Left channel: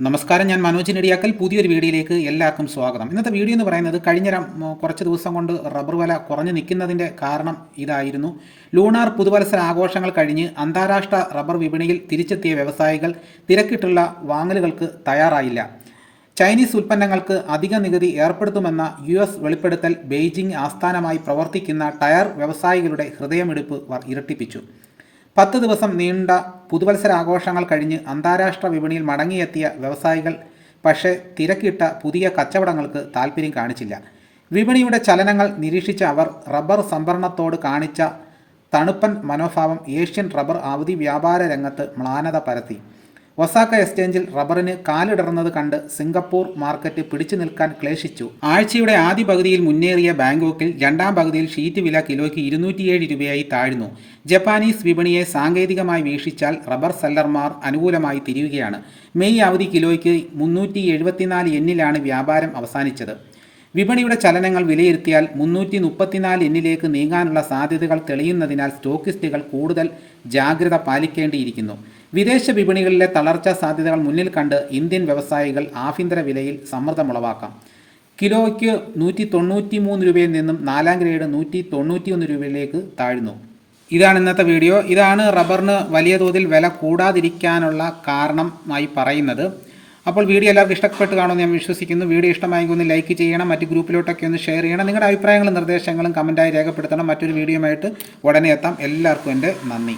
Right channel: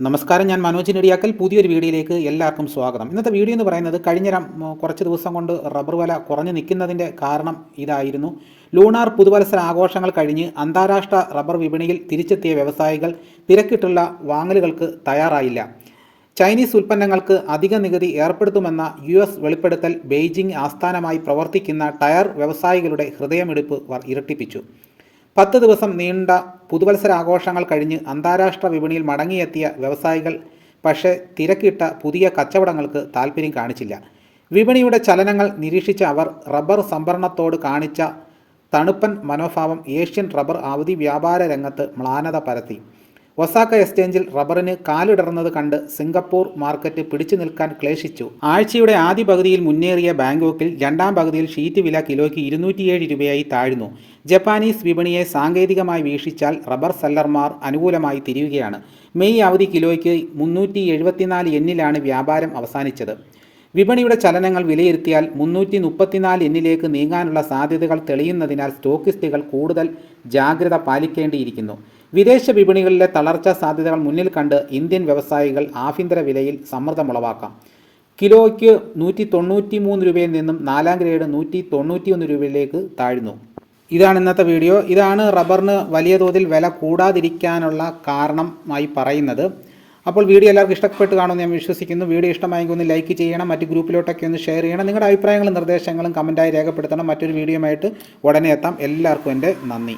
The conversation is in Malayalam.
നമസ്കാരം ഞാൻ മനോജ് നെടിയാക്കൽ. പുതിയൊരു വീഡിയോയിലേക്ക് എല്ലാവർക്കും സ്വാഗതം. ഇന്നത്തെ വീഡിയോ എന്ന് പറയുന്നത് കഴിഞ്ഞ കുറച്ച് ദിവസം കൊണ്ട് റബ്ബർ വില കുറഞ്ഞു നിൽക്കുന്നതിന്റെ കാരണം ഇതായിരുന്നു. ലൂണാർ പുതുവത്സര ആഘോഷങ്ങൾ കഴിഞ്ഞ് അന്താരാഷ്ട്ര റബ്ബർ വിപണിയിൽ തിരിച്ചെത്തിയ വ്യവസായികൾ തിരക്കിട്ടുള്ള വാങ്ങലുകൾക്ക് തയ്യാറായില്ല. ചൈനീസ് ഉൽപ്പന്നങ്ങൾക്ക് അധിക നികുതി ഏർപ്പെടുത്തുമെന്ന യു എസ് വെളിപ്പെടുത്തൽ ബെയ്ജിംഗ് ആസ്ഥാനമായി പ്രവർത്തിക്കുന്ന ടയർ വ്യവസായികളുടെ ഹൃദയമിടിപ്പ് ഇരട്ടിപ്പിച്ചു. പത്ത് ദിവസം നീണ്ട പുതുവത്സര ആഘോഷങ്ങൾ കഴിഞ്ഞ് അന്താരാഷ്ട്ര വിപണിയിൽ മടങ്ങിയെത്തിയ വ്യവസായികൾ പക്ഷേ തിരക്കിട്ട പുതിയ കച്ചവടങ്ങൾക്ക് താൽപ്പര്യം കാണിച്ചില്ല. വിപണിയുടെ ചലനങ്ങൾ നിരീക്ഷിച്ച അവർ റബ്ബർ സംഭരണത്തോട് കാണിച്ച തണുപ്പൻ മനോഭാവം ഏഷ്യൻ റബ്ബർ അവധി വ്യാപാര രംഗത്ത് മ്ലാനത പരത്തി. ഒസാക്ക എക്സ്ചേഞ്ചിൽ റബ്ബറിന് കാലിടർന്നത് കണ്ട് സിംഗപ്പൂർ മാർക്കറ്റ് പിടിച്ചു നിൽക്കാൻ ക്ലേശിച്ചു. ആഴ്ചയുടെ ആദ്യ പകുതിയിൽ മുന്നേറിയ ബാങ്കോക്കിൽ രണ്ടാം പകുതിയിൽ ഷീറ്റ് വില കിലോയ്ക്ക് ഇരുന്നൂറ്റിയേഴ് രൂപയായി താഴ്ന്നു. ജപ്പാനീസ് വിപണിയെ സാങ്കേതികമായി വീക്ഷിച്ചാൽ റബ്ബർ സെല്ലർമാർ അനുകൂലമായി തിരിയുകയാണ്. മെയ് അവധി കിലോയ്ക്ക് മുന്നൂറ്റി എഴുപത്തിനാല് എന്നിലാണ് വ്യാപാരം അവസാനിച്ചത്. വിപണിയുടെ ചലനങ്ങൾ വിലയിരുത്തിയാൽ മുന്നൂറ്റി മുപ്പത്തിനാല് എന്നിലേക്ക് നീങ്ങാനുള്ള സാധ്യതകൾ തെളിയുന്നതിനാൽ സ്റ്റോക്കിസ്റ്റുകൾ കൂടുതൽ ജാഗ്രത പാലിക്കേണ്ടിയിരിക്കുന്നു. വിദേശ വിപണികളിലെ തളർച്ചാ സാധ്യതകൾ മുന്നിൽ കണ്ട് ഇന്ത്യൻ വ്യവസായികൾ ആഭ്യന്തര വിലയിൽ സമ്മർദ്ദമുളവാക്കാം കിലോയ്ക്ക് നൂറ്റി തൊണ്ണൂറ്റി മൂന്ന് രൂപയിൽ നിന്നും നാലാം ഗ്രേഡ് നൂറ്റി തൊണ്ണൂറ്റി ഒന്ന് രൂപയിലേക്ക് താഴ്ന്നു. ഇതാണ് ഇന്നത്തെ വീഡിയോ. ഇതാണ് റബ്ബറിന് വലിയ തോതിൽ വില കൂടാതിരിക്കാനുള്ള കാരണമായി പറയുന്നത്. അപ്പോൾ വീഡിയോ എല്ലാവർക്കും ഇഷ്ടപ്പെട്ട് കാണുമെന്ന് ഞാൻ വിശ്വസിക്കുന്നു. വീഡിയോ ഇഷ്ടമായെങ്കിൽ ഒന്ന് ലൈക്ക് ചെയ്യണം മറ്റ് ഗ്രൂപ്പിലോട്ടൊക്കെ ഒന്ന് ഷെയർ ചെയ്യണം. നിങ്ങളുടെ അഭിപ്രായങ്ങളും നിർദ്ദേശങ്ങളും കമന്റായി രേഖപ്പെടുത്തണം. മറ്റൊരു വീഡിയോയുമായിട്ട് ഉടനെ എത്താം. എല്ലാവർക്കും എന്റെ നന്ദി.